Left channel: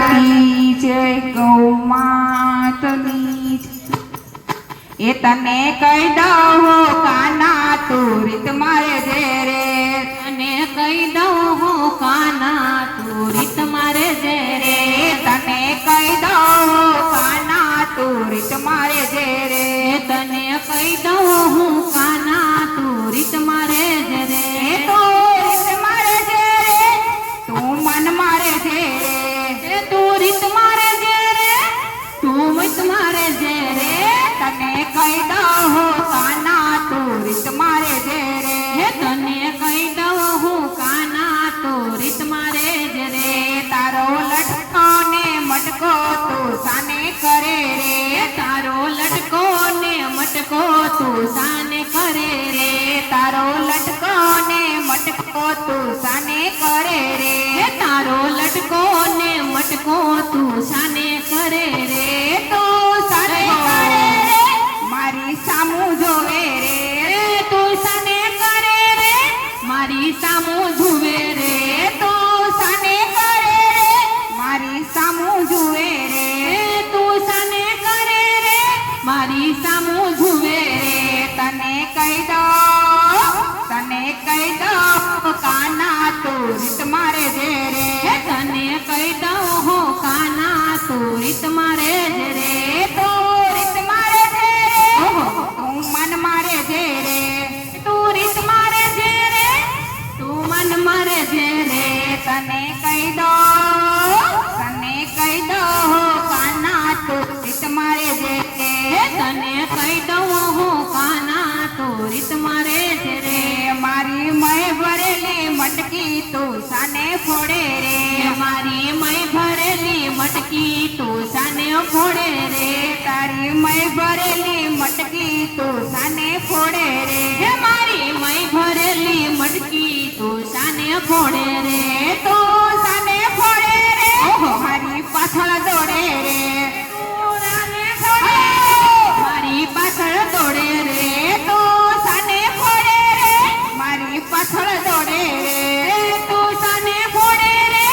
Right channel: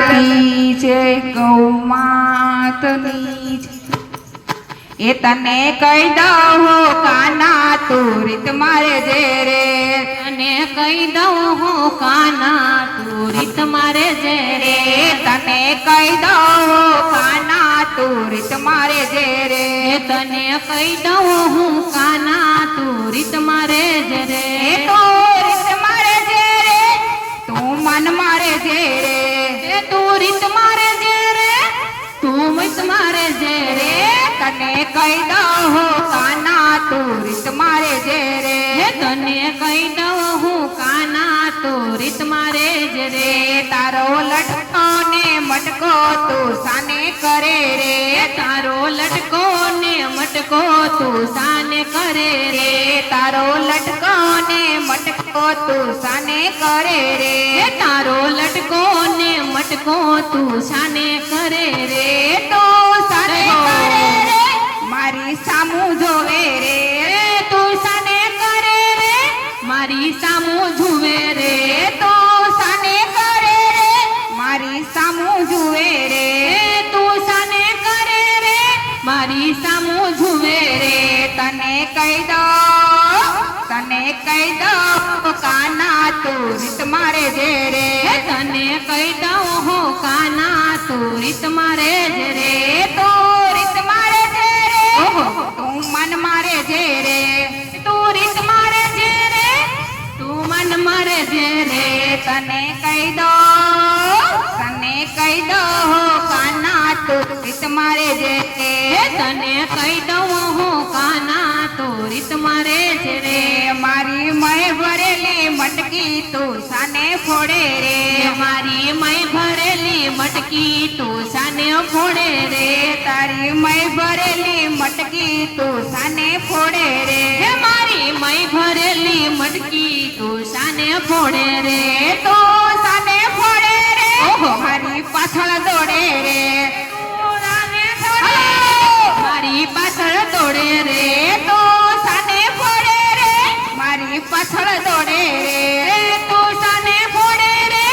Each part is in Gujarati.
કી જય ગૌ માતની એ તને કહી દઉં કાના તું રીત મારે જે રે તને કહી દઉં હું કાના તું રીત મારે જે રે તને કહી દઉં કાના તું રીત મારે જે રે તને કહી દઉં હું કાના તું રીત મારે જે રે તું રીત મારે જે રે તું મન મારે જે રે તું રીત મારે જે રે તું મત મારે જે રે તને કહી દઉં કાના તું રીત મારે જે રે તને કહી દઉં હું કાના તું રીત મારે જે રે તારો લટકો ને મટકો તું સાને કરે રે તારો લટકો ને મટકો તું સાને કરે રે તારો લટકો ને મટકો તું સાને કરે રે તારો લટકો ને મટકો તું સાને કરે રે તો સાને કરે રે મારી સામું જોવે રે તું સાને કરે રે મારી સામો જુએ રે તો સાને કરે રે મારી સામું જુએ રે તું સાને કરે રે મારી સામો જુએ રે તને કહી દઉં કાના તું રીત મારે જે રે તને કહી દઉં હું કાના તું રીત મારે જે રે તો રીત મારે જે રે તું મન મારે જે રે તું રીત મારે જે રે તું મન મારે જે રે તને કહી દઉં કાના તું રીત મારે જે રે તને કહી દઉં હું કાના તું રીત મારે જે રે મારી મય ભરેલી મટકી તું સાને ફોડે રે મારી મય ભરેલી મટકી તું સાને ફોડે રે તારી મય ભરેલી મટકી તું સાને ફોડે રે મારી મય ભરેલી મટકી તું સાને ફોડે રે તો સાને ફોડે રે મારી પાછળ દોડે રે મારી પાછળ દોડે રે તો સાને ફોડે રે મારી પાછળ દોડે રે તું સાને ફોડે રે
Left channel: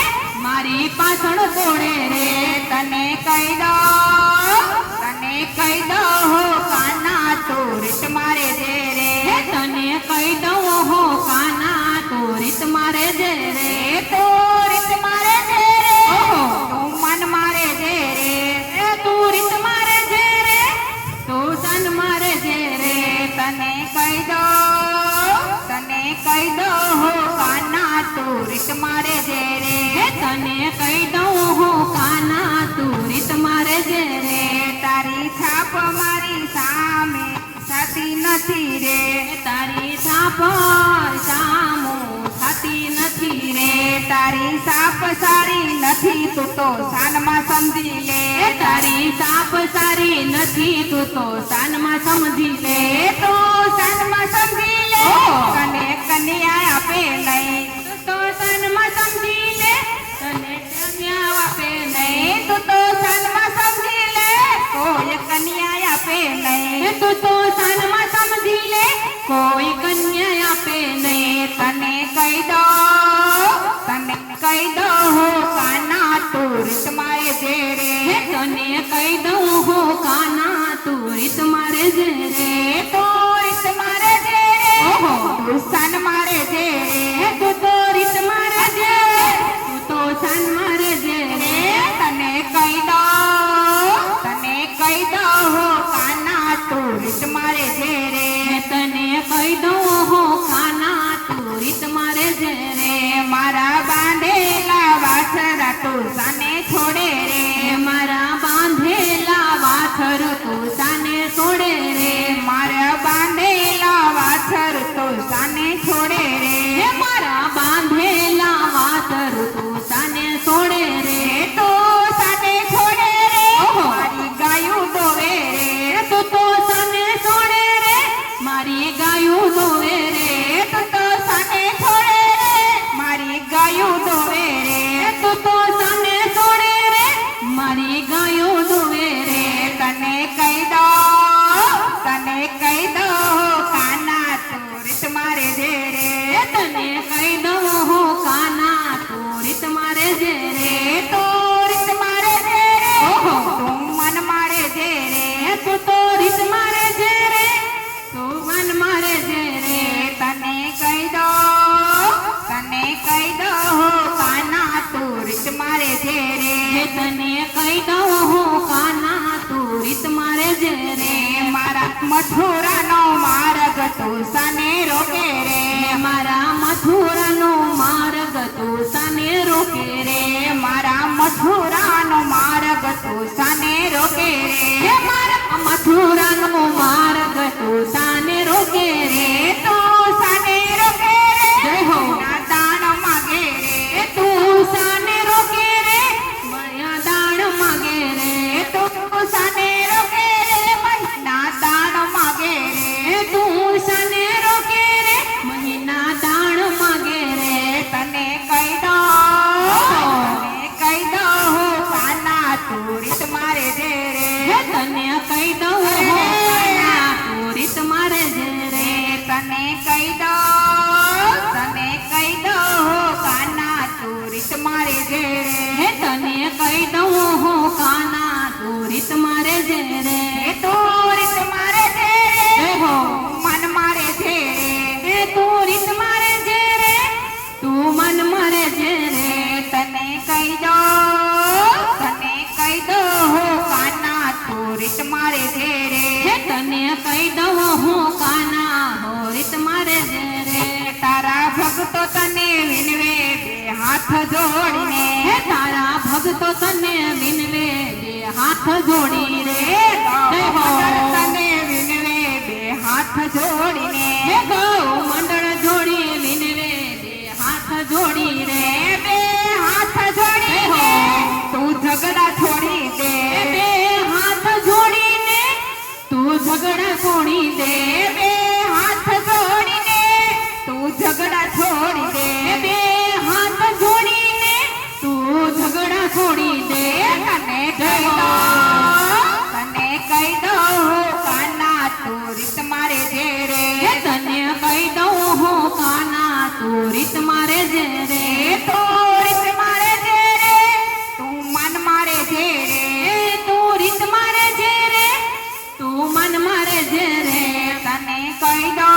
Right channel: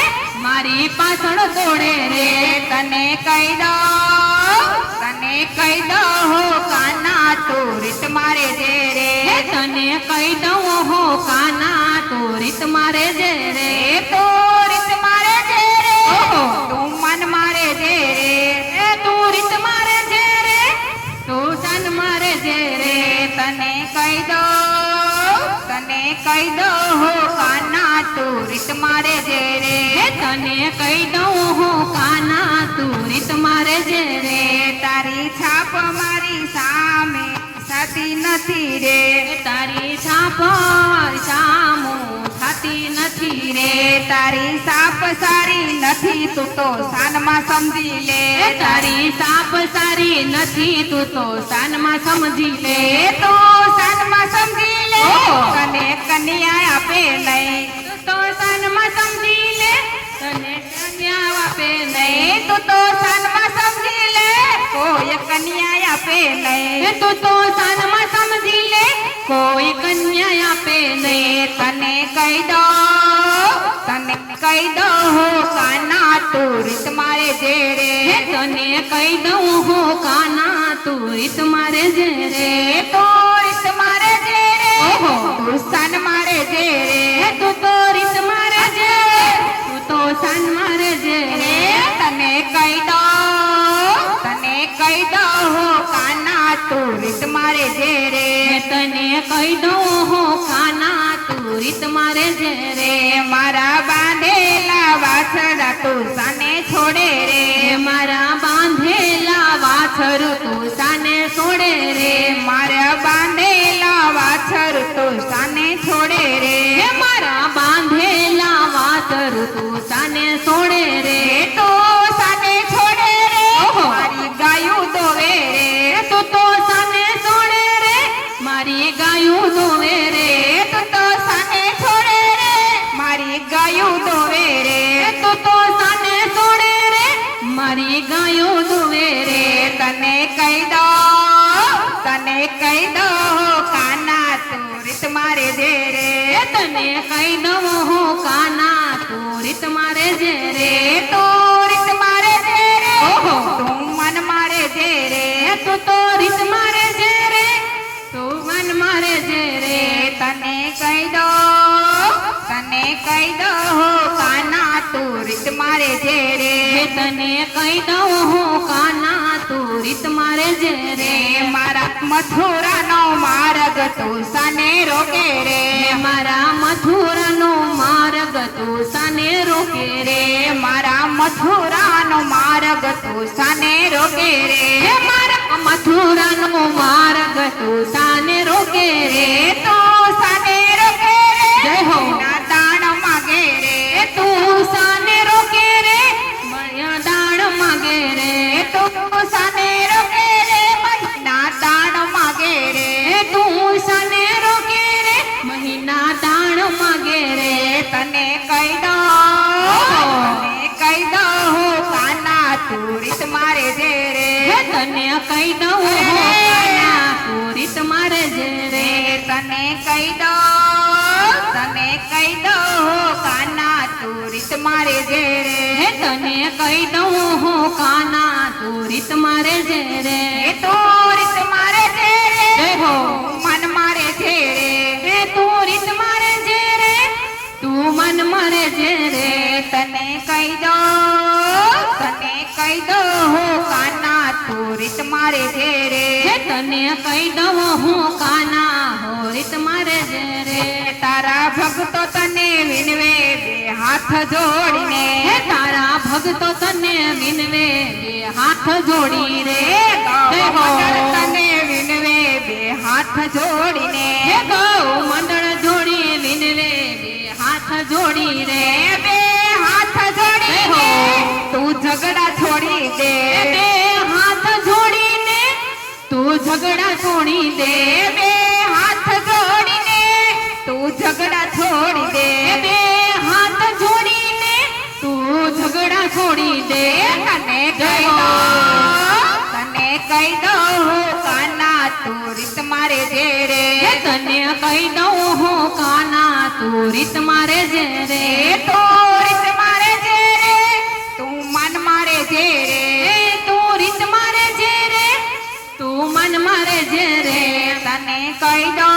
મારી પાછળ દોડે રે તને કહી દઉં કાના તું રીત મારે જે રે તને કહી દઉં હું કાના તું રીત મારે જે રે તો રીત મારે જે રે તું મન મારે જે રે તું રીત મારે જે રે તું સન મારે જે રે તને કહી દઉં કાના તું રીત મારે જે રે તને કહી દઉં હું કાના તું રીત મારે જે રે તારી છાપ મારી સામે સાથી નથી રે તારી છાપ સામો થતી નથી રે તારી સાપ સારી નથી તું તો સાનમાં સમજી લે તારી સાપ સારી નથી તું તો સાનમાં સમજી લે તો સાનમાં સમજી લે કને કન્યા આપે નહીં તો સાનમાં સમજી લે તને કન્યા આપે નહીં તું તો સાનમાં સમજી લે કોઈ કન્યા આપે નહીં તું તો સાનમાં સમજી લે કોઈ કન્યા આપે નહીં તને કહી દઉં કાના તું રીત મારે જે રે તને કહી દઉં હું કાના તું રીત મારે જે રે તો રીત મારે જે રે તું સન મારે જે રે તું તો રીત મારે જે તું તો સન મારે જે રે તને કહી દઉં કાના તું રીત મારે જે રે તને કહી દઉં હું કાના તું રીત મારે જે રે મારા બાંધેલા વાછડા તું સાને છોડે રે મારા બાંધેલા વાછર તું સાને છોડે રે મારા બાંધેલા વાછર તું સાને છોડે રે મારા બાંધેલા વાછર તું સાને છોડે રે તો સાને છોડે રે મારી ગાયું દોવે રે તું તો સાને છોડે રે મારી ગાયું દોવે રે તું તો સાને છોડે રે મારી ગાયું દોવે રે તું તો સાને છોડે રે મારે જે રે હે તને કહી દઉં હું કાના તું રીત મારે જે રે મારા મથુરાનો માર્ગ તું સાને રોકે રે મારા મથુરાનો માર્ગ તું સાને રોકે રે મારા મથુરાનો માર્ગ તું સાને રોકે રે મારા મથુરાનો માર્ગ તું સાને રોકે રે તું સાને રોકે રે જય હો ના દાન માગે રે તું સાને રોકે રે મળ્યા દાણ માગે રે તું સાને રોકે રે મહિના દાન માગે રે તું સાને રોકે રે મહિના દાણ માગે રે તને કહી દઉં કાના તું રીત મારે જે રે તને કહી દઉં કાના તું રીત મારે જે રે તને કહી દઉં કાના તું રીત મારે જે રે તને કહી દઉં હું કાના તું રીત મારે જે રે તું રીત મારે જે જય હો મન મારે જે રે તું રીત મારે જે રે તું મન મારે જે રે તને કહી દઉં કાના તું રીત મારે જે રે તને કહી દઉં હું કાના હો રીત મારે જે રે તારા ભક્તો તને વિનવે બે હાથ જોડીને તારા ભક્તો તને વિનવે બે હાથ જોડી રે જય હો તને વિનવે બે હાથ જોડીને ગૌ મંડળ જોડી વિનવે બે હાથ જોડી રે બે હાથ જોડીને તું ઝઘડા છોડી દે બે હાથ જોડીને તું ઝઘડા છોડી દે બે હાથ જોડીને તું ઝઘડા છોડી દે બે હાથ જોડીને તું ઝઘડા છોડી દે તને કહી દઉં કાના તું રીત મારે જે રે તને કહી દઉં હું કાના તું રીત મારે જે રે તું રીત મારે જે રે તું મન મારે જે રે તું રીત મારે જે રે તું મન મારે જે રે તને કહી દઉં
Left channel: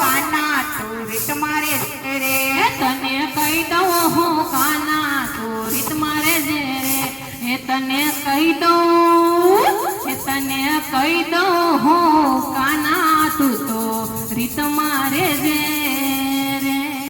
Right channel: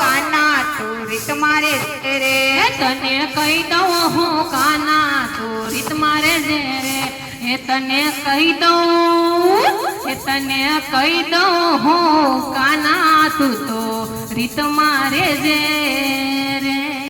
કાના તું રીત મારે જે રે તને કહી દઉં હું કાના તું રીત મારે જે રે તને કહી દઉં હું કાના તું તો રીત મારે જે